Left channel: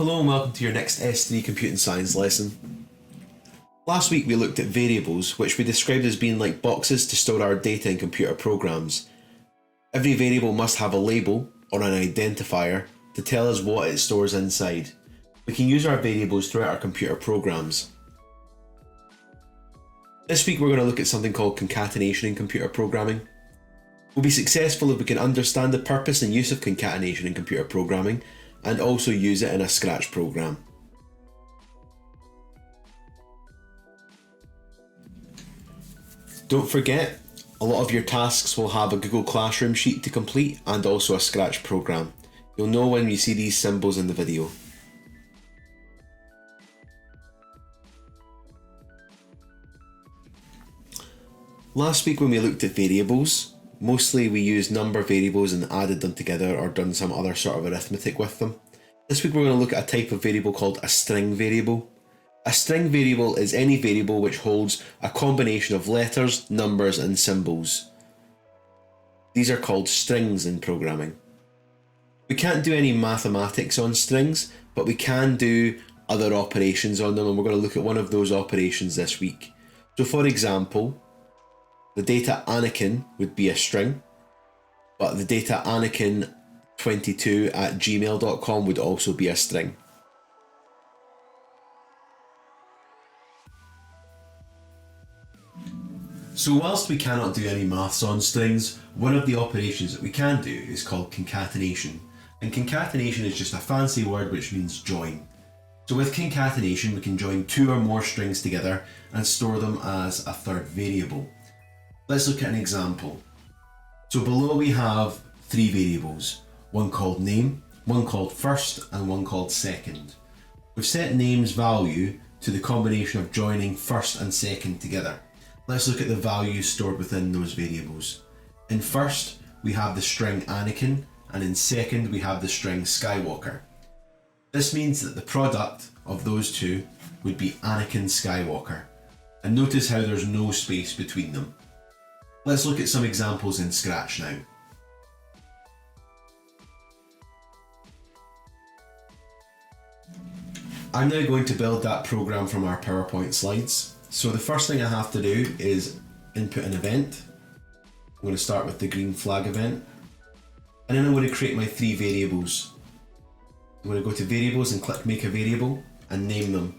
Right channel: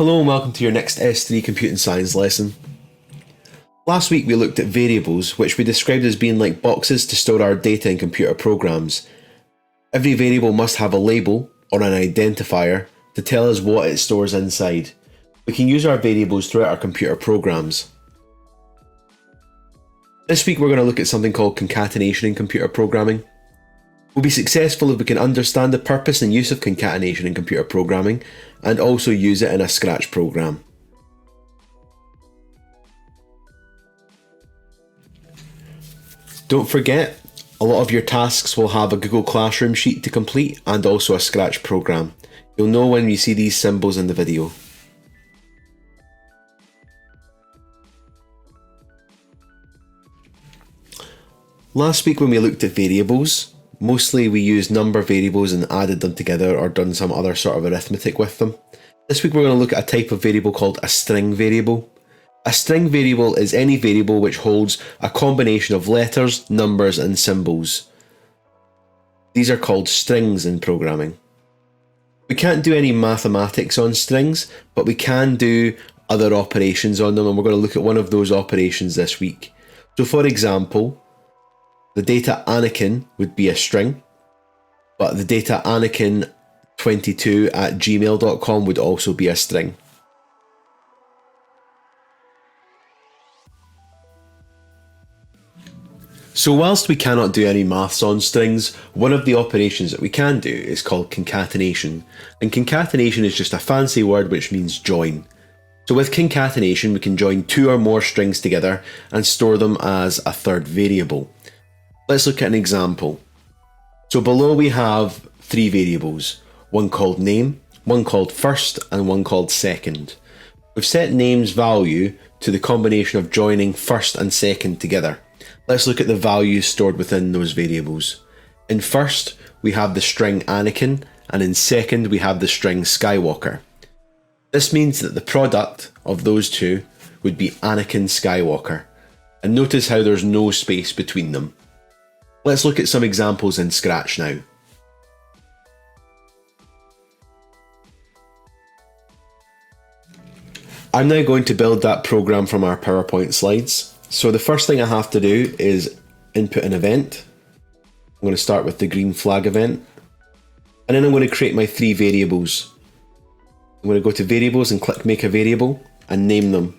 Hello and welcome to your next S3 Computing Science lesson. Last week we looked at variables, which we described as being like boxes to store our data in computer programs. Every variable must have a label, or an identifier, to tell us what it stores inside. We can use our variables throughout our computer programs. This week we're going to look at something called concatenation in computer programming. We'll be successful if we can understand the purpose and use of concatenation in computer programming, and also use it in a Scratch program. Don't forget, a lot of your tasks will have a Google Classroom sheet to complete and also a Scratch program. You'll know when you see these symbols in the video. Last week when we looked at variables, mostly we used number variables and added them together or done some other sort of arithmetic with them. This week we're going to look at a type of variable called a string variable. A string variable is any variable which holds a combination of letters, numbers and symbols. These are called strings in programming. We can't do any mathematics on strings, but we can do other operations on them, and we're going to look at one of those operations this week. So for example, the data Anakin would be a string, but the data Anakin22@gmail.com would also be a string. So whilst we cannot do any maths on strings, one of the operations that we can do is called concatenation. And concatenation is just a fancy word which means join. So with concatenation we can join two or more strings together and store them as a third variable. Let's look at an example. So below we have three variables, one called name, one called first, and one called second. We've set name's value to the combination of joining first and second together. Let's look at the values stored within those variables. In first, we have the string Anakin, and in second, we have the string Skywalker. This means that the product of those two would be Anakin Skywalker. And notice how there's no space between them. Let's look at some examples in Scratch now. I'm now going to build that program from our PowerPoint slides. So the first thing I have to do is input an event. I'm going to start with the green flag event. And then I'm going to create my three variables. I'm going to go to variables and click make a variable and name them.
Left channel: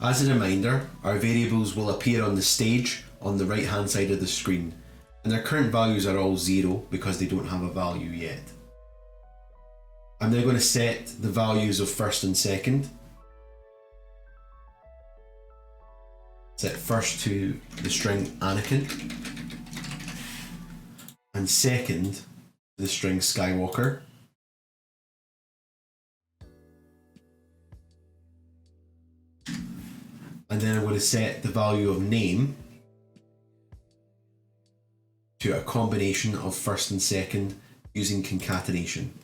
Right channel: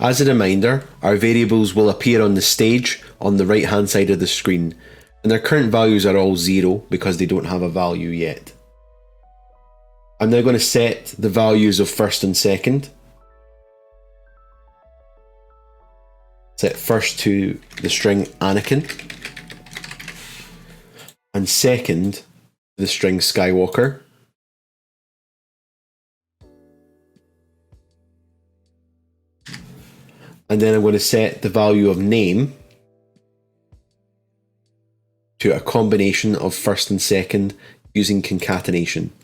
As a reminder, our variables will appear on the stage on the right hand side of the screen, and their current values are all 0 because they don't have a value yet. I'm now going to set the values of first and second. Set first to the string Anakin, and second to the string Skywalker. And then I'm going to set the value of name to a combination of first and second using concatenation.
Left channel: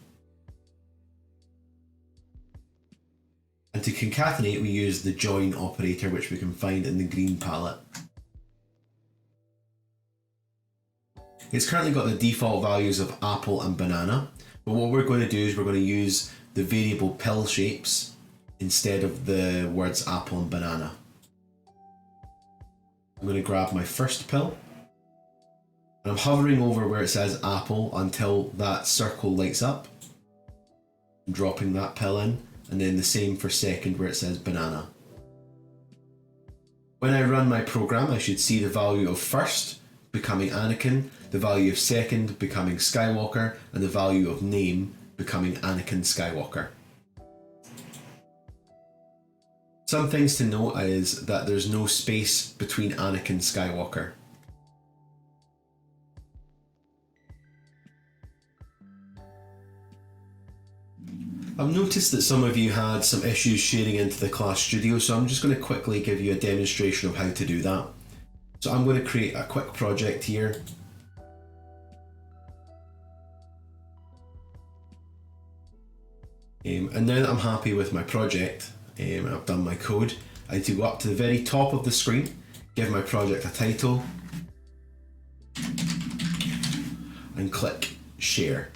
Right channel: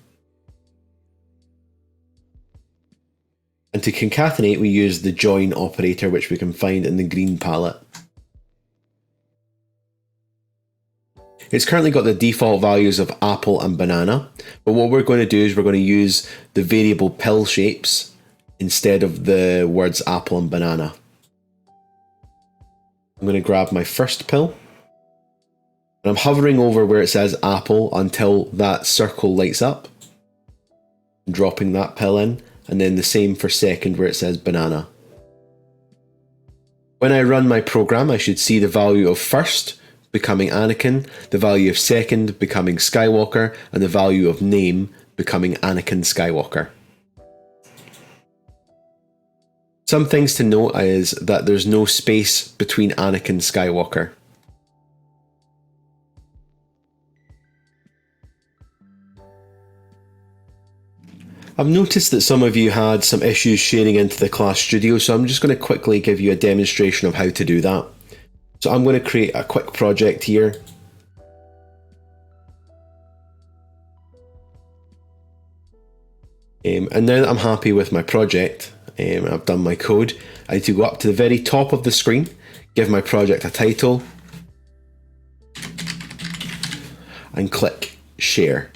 And to concatenate, we use the join operator, which we can find in the green palette. It's currently got the default values of apple and banana, but what we're going to do is we're going to use the variable pill shapes instead of the words apple and banana. I'm going to grab my first pill, and I'm hovering over where it says apple until that circle lights up. I'm dropping that pill in, and then the same for second where it says banana. When I run my program, I should see the value of first becoming Anakin, the value of second becoming Skywalker, and the value of name becoming Anakin Skywalker. Some things to note is that there's no space between Anakin Skywalker. I've noticed that some of you had some issues sharing into the class studio, so I'm just going to quickly give you a demonstration of how to do that. So I'm going to create a quick project here. And now that I'm happy with my project, I've done my code, I need to go up to the very top of the screen, give my project a title, and click Share.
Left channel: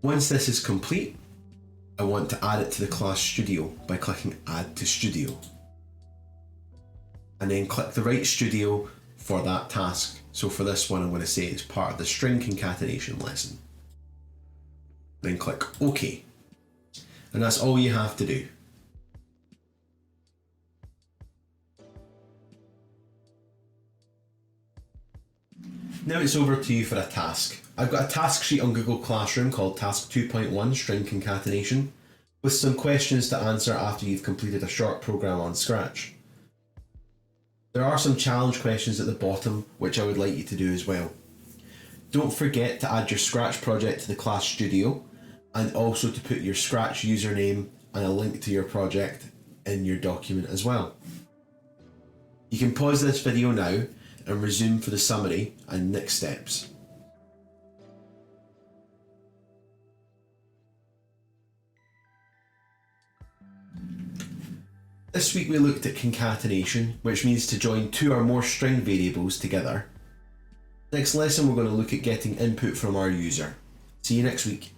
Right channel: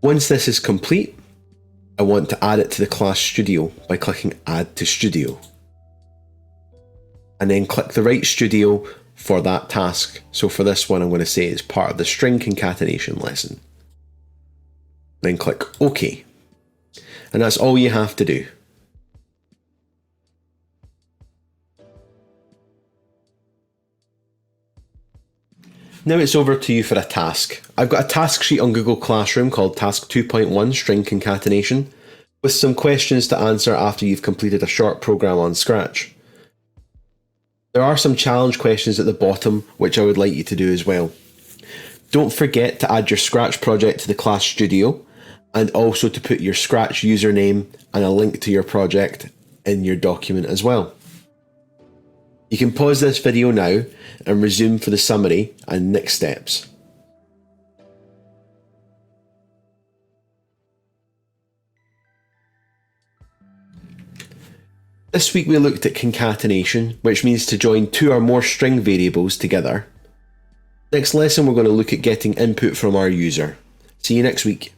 Once this is complete, I want to add it to the class Studio by clicking Add to Studio. And then click the right studio for that task. So for this one, I'm going to say it's part of the string concatenation lesson. Then click OK. And that's all you have to do. Now it's over to you for a task. I've got a task sheet on Google Classroom called Task 2.1 String Concatenation with some questions to answer after you've completed a short program on Scratch. There are some challenge questions at the bottom which I would like you to do as well. Don't forget to add your Scratch project to the Class Studio and also to put your Scratch username and a link to your project in your document as well. You can pause this video now and resume for the summary and next steps. This week we looked at concatenation, which means to join two or more string variables together. Next lesson we're going to look at getting input from our user. See you next week.